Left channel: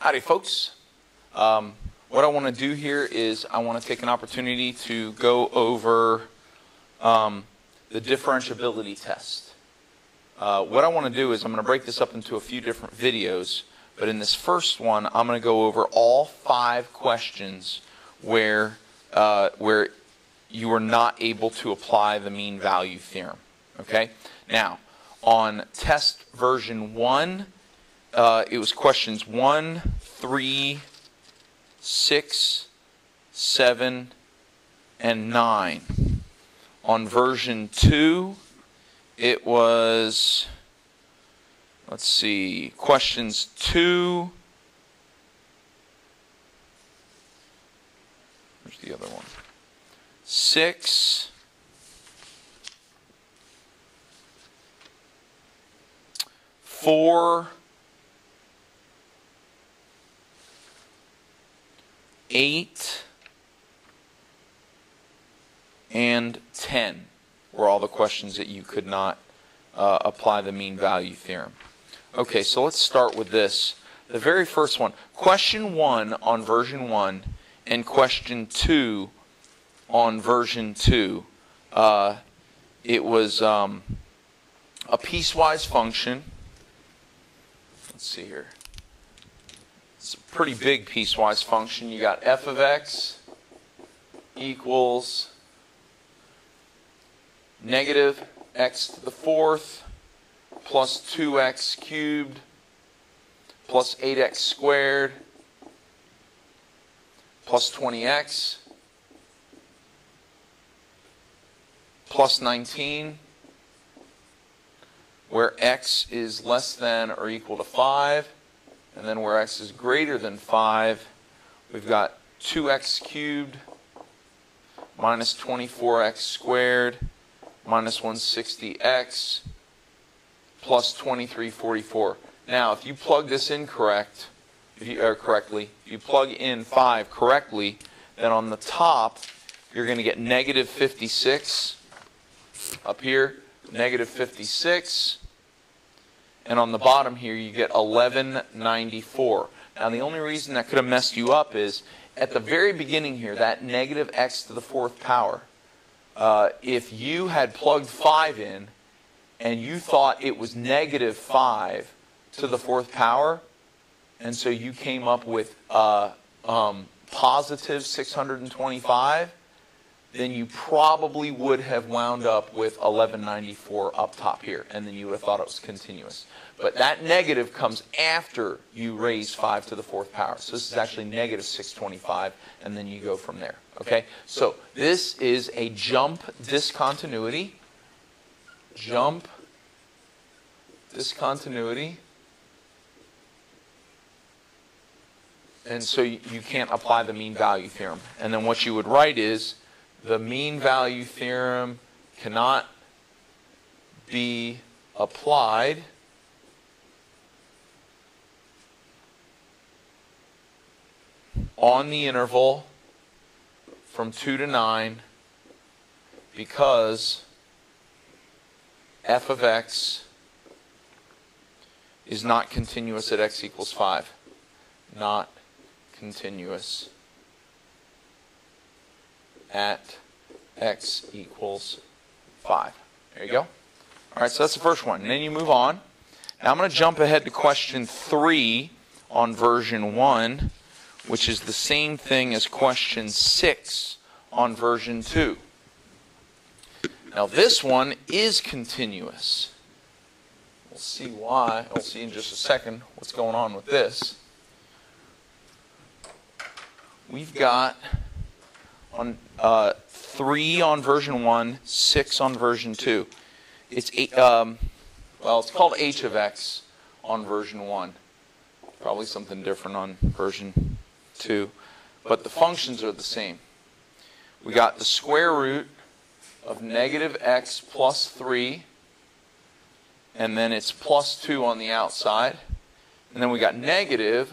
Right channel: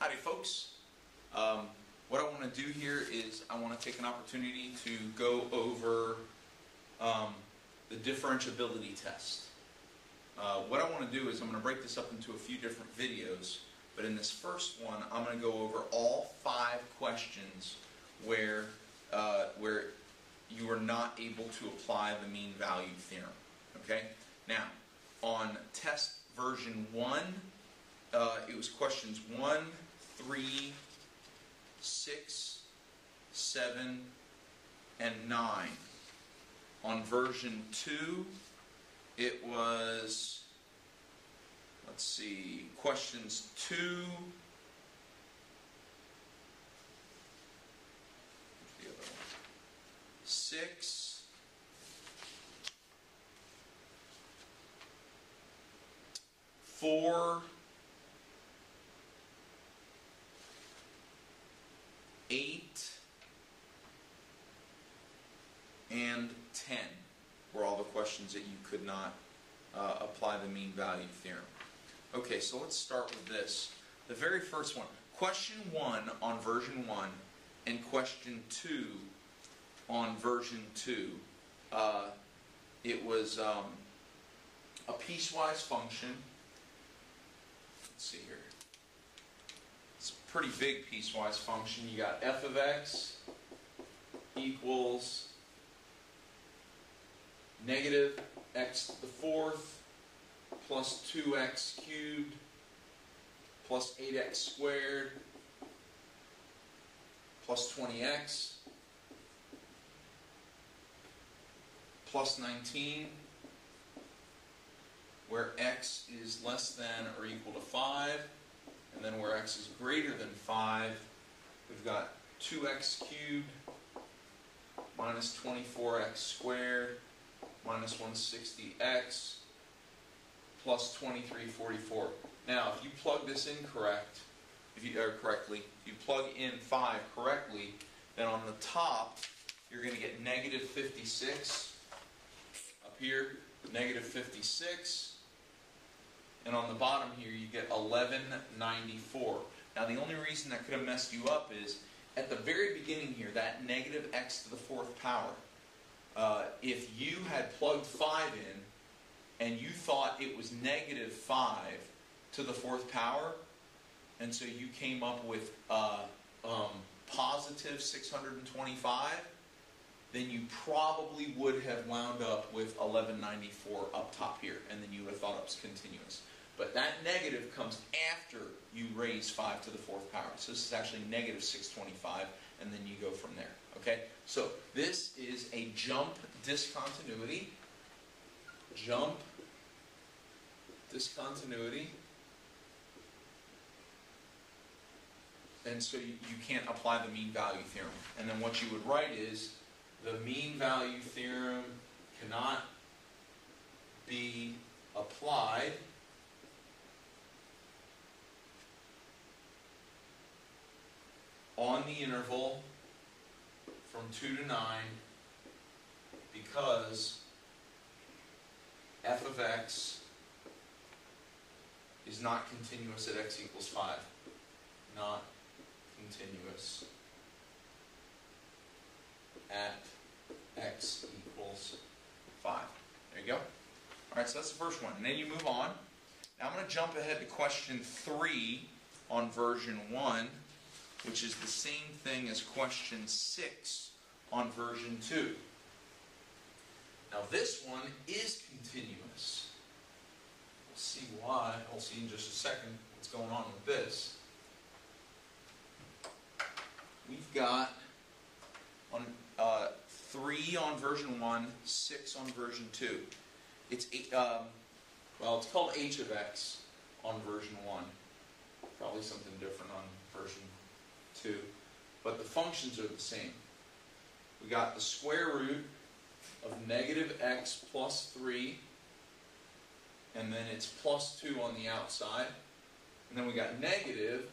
Howdy, folks. What I want to do here is I want to take an opportunity to go over the differentiability test. What I want to do is I'm going to break this up into a few different videos, but in this first one I'm going to go over all 5 questions where you are not able to apply the mean value theorem. Okay? Now, on test version 1, it was questions 1, 3, 6, 7, and 9. On version 2, it was, let's see, questions 2, where's the other one? 6, 4, 8, and 10 were all the questions that you could not apply the mean value theorem. Okay, so let's start with this. The very first one, question 1 on version 1 and question 2 on version 2. It was a piecewise function. Let's see here. It's a pretty big piecewise function. You got f of x equals negative x to the 4th plus 2x cubed plus 8x squared plus 20x plus 19, where x is less than or equal to 5. And then where x is greater than 5, we've got 2x cubed minus 24x squared minus 160x plus 2344. Now, if you plug this in correctly, if you plug in 5 correctly, then on the top, you're going to get negative 56. Up here, negative 56. And on the bottom here, you get 1194. Now, the only reason that could have messed you up is at the very beginning here, that negative x to the 4th power, if you had plugged 5 in and you thought it was negative 5 to the 4th power, and so you came up with positive 625, then you probably would have wound up with 1194 up top here, and then you would have thought it was continuous. But that negative comes after you raise 5 to the 4th power. So this is actually negative 625, and then you go from there. Okay? So this is a jump discontinuity. Jump discontinuity. And so you can't apply the mean value theorem. And then what you would write is, the mean value theorem cannot be applied on the interval from 2 to 9 because f of x is not continuous at x equals 5. Not continuous at x equals 5. There you go. All right, so that's the first one. And then you move on. Now I'm going to jump ahead to question 3 on version 1, which is the same thing as question 6 on version 2. Now this one is continuous. We'll see why. We'll see in just a second what's going on with this. We've got on 3 on version 1, 6 on version 2. It's it's called h of x on version 1. Probably something different on version 2, but the functions are the same. We got the square root of negative x plus 3, and then it's plus 2 on the outside, and then we got negative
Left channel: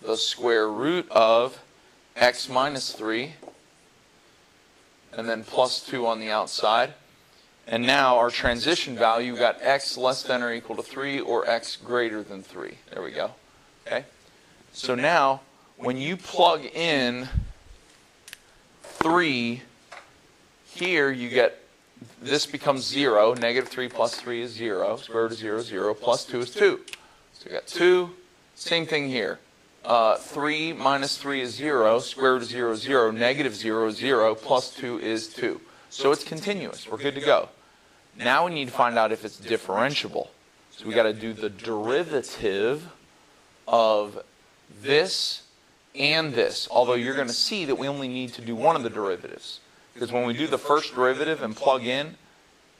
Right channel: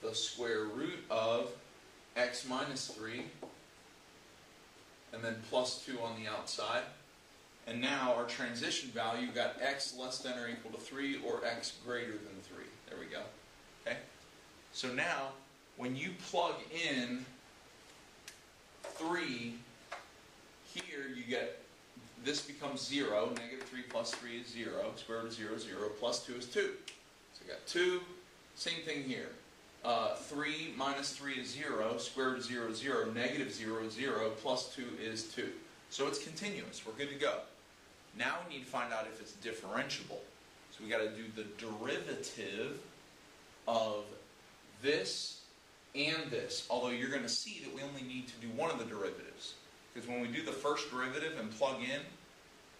the square root of x minus 3, and then plus 2 on the outside. And now our transition value, we got x less than or equal to 3 or x greater than 3. There we go. Okay? So now, when you plug in 3 here, you get, this becomes 0. Negative 3 plus 3 is 0. Square root of 0 is 0. Plus 2 is 2. So we got 2. Same thing here. 3 minus 3 is 0. Square root of 0 is 0. Negative 0 is 0. Plus 2 is 2. So it's continuous. We're good to go. Now we need to find out if it's differentiable. So we got to do the derivative of this and this. Although you're going to see that we only need to do one of the derivatives. Because when we do the first derivative and plug in,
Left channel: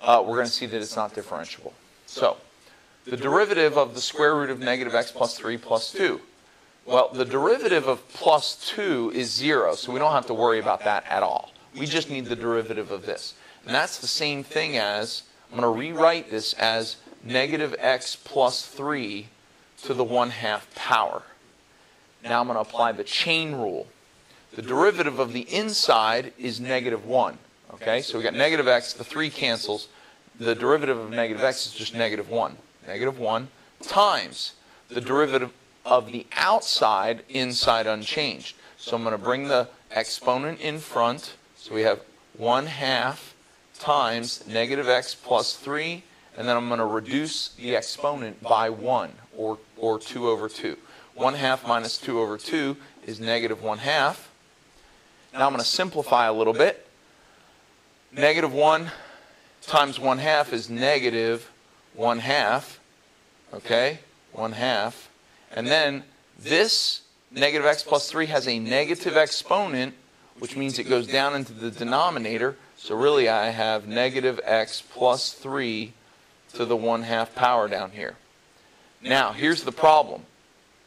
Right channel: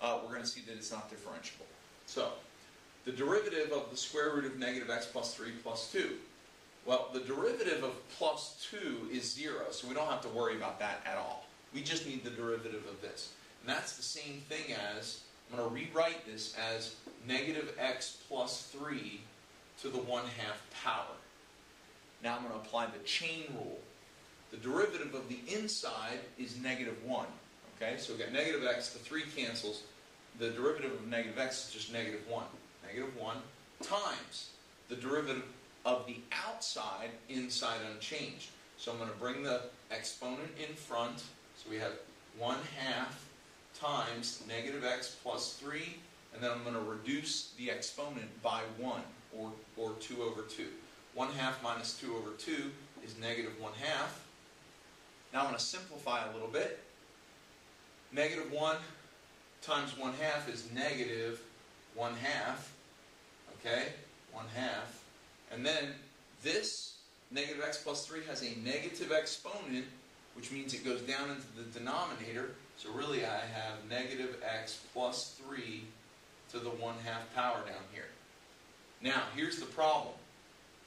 we're going to see that it's not differentiable. So, the derivative of the square root of negative x plus 3 plus 2. Well, the derivative of plus 2 is 0, so we don't have to worry about that at all. We just need the derivative of this. And that's the same thing as, I'm going to rewrite this as negative x plus 3 to the 1/2 power. Now I'm going to apply the chain rule. The derivative of the inside is negative 1. Okay, so we got negative x, the 3 cancels. The derivative of negative x is just negative 1. Negative 1 times the derivative of the outside, inside unchanged. So I'm going to bring the exponent in front. So we have 1/2 times negative x plus 3. And then I'm going to reduce the exponent by 1, or 2 over 2. 1/2 minus 2 over 2 is negative 1/2. Now I'm going to simplify a little bit. Negative 1 times 1/2 is negative 1/2. Okay? 1/2. And then this negative x plus 3 has a negative exponent, which means it goes down into the denominator. So really I have negative x plus 3 to the 1/2 power down here. Now, here's the problem.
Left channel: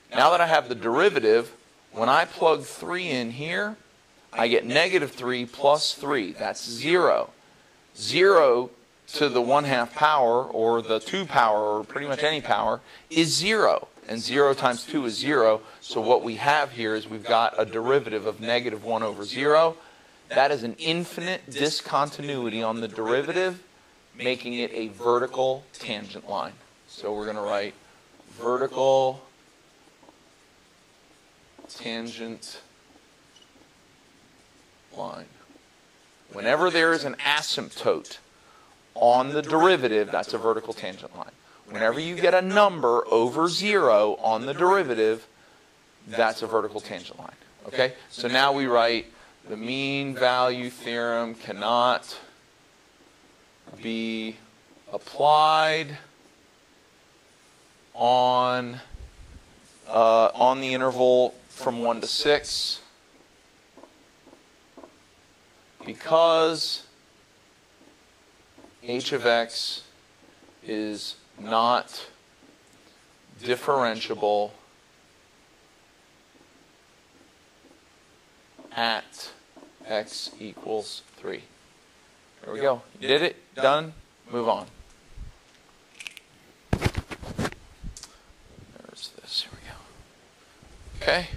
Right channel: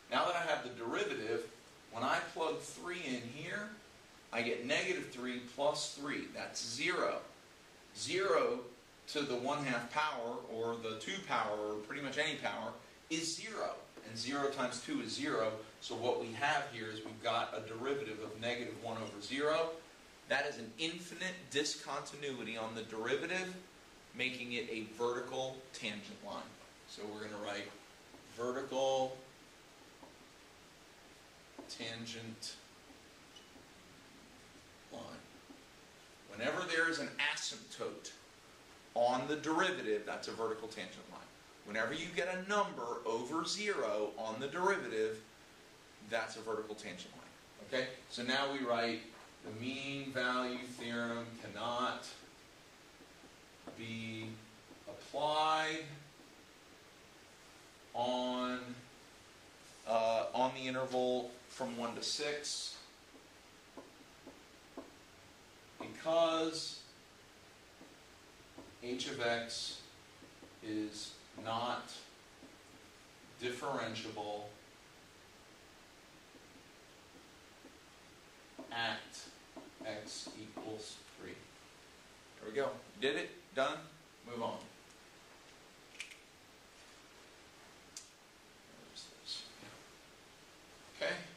Now that I have the derivative, when I plug 3 in here, I get negative 3 plus 3. That's 0. 0 to the 1/2 power, or the 2 power, or pretty much any power, is 0. And 0 times 2 is 0. So what we have here is we've got a derivative of negative 1 over 0. That is an infinite discontinuity on the derivative, making it a vertical tangent line. So we're going to write vertical tangent line. Whenever there is an asymptote on the derivative, that's a vertical tangent line. Whenever you get a number over 0 on the derivative, that's a vertical tangent line. Okay? So now we write the mean value theorem cannot be applied on the interval from 1 to 6 because h of x is not differentiable at x equals 3. There we go. You did it. Done. Move on. There's this. Here we go. Okay.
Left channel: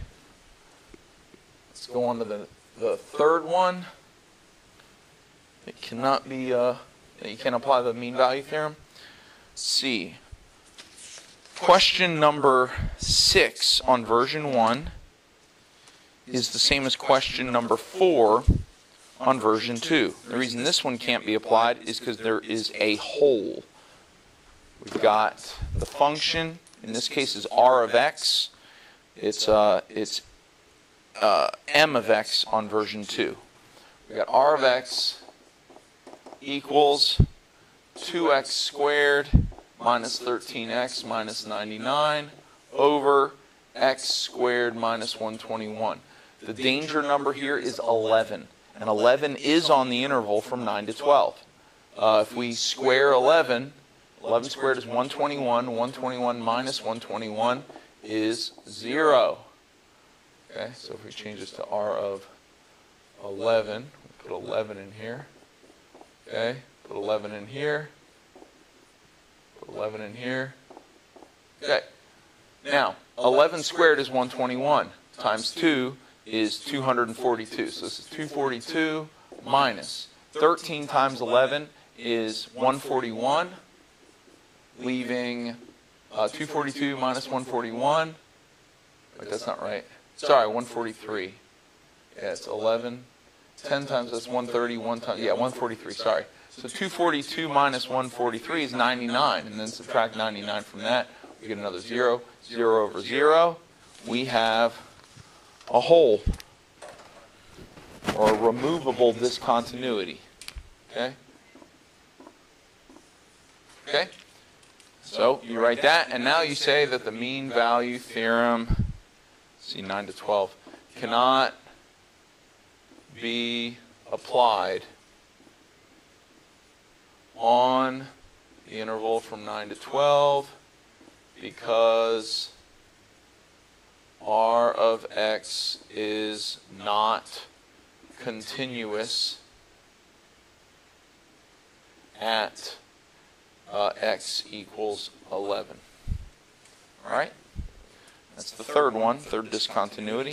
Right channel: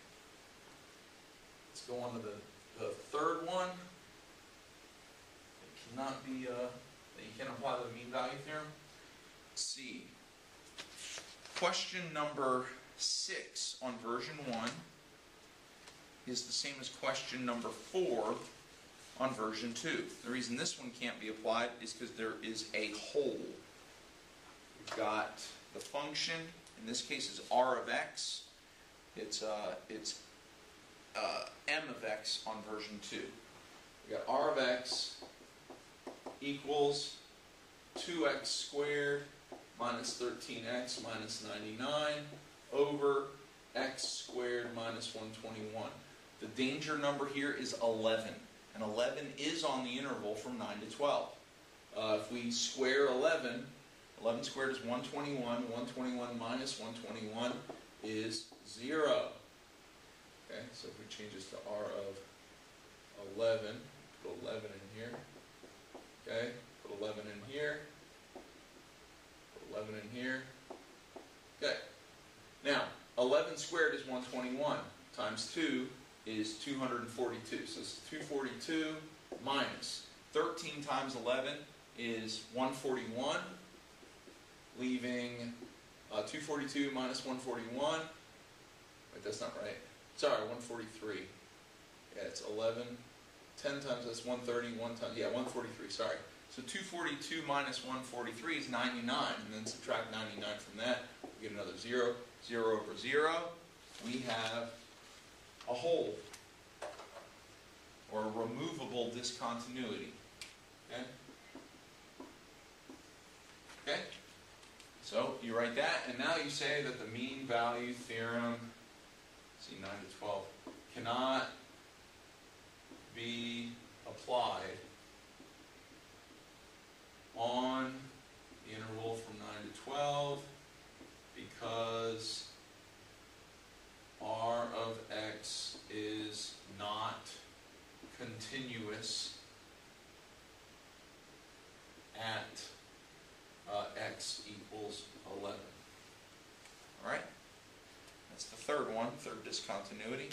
Let's go on to the third one. It cannot be, you can't apply the mean value theorem. C. Question number 6 on version 1 is the same as question number 4 on version 2. The reason this one can't be applied is because there is a hole. We've got the function, in this case is r of x. It's m of x on version 2. We've got r of x equals 2x squared minus 13x minus 99 over x squared minus 121. The danger number here is 11. And 11 is on the interval from 9 to 12. If we square 11, 11 squared is 121. 121 minus 121 is 0. Okay, so if we change this to r of 11, put 11 in here. Okay, put 11 in here. Put 11 in here. Okay. Now, 11 squared is 121 times 2 is 242. So this is 242 minus 13 times 11 is 141, leaving 242 minus 141. Write that's not right. Sorry, 143. Yeah, it's 11. 10 times that's 130, 1 times, yeah, 143, sorry. So 242 minus 143 is 99, and then subtract 99 from that, we get another 0. 0 over 0, we have a hole, or a removable discontinuity. Okay? Okay? So you write that, and now you say that the mean value theorem, see 9 to 12, cannot be applied on the interval from 9 to 12 because R of x is not continuous at x equals 11. All right? That's the third one, third discontinuity.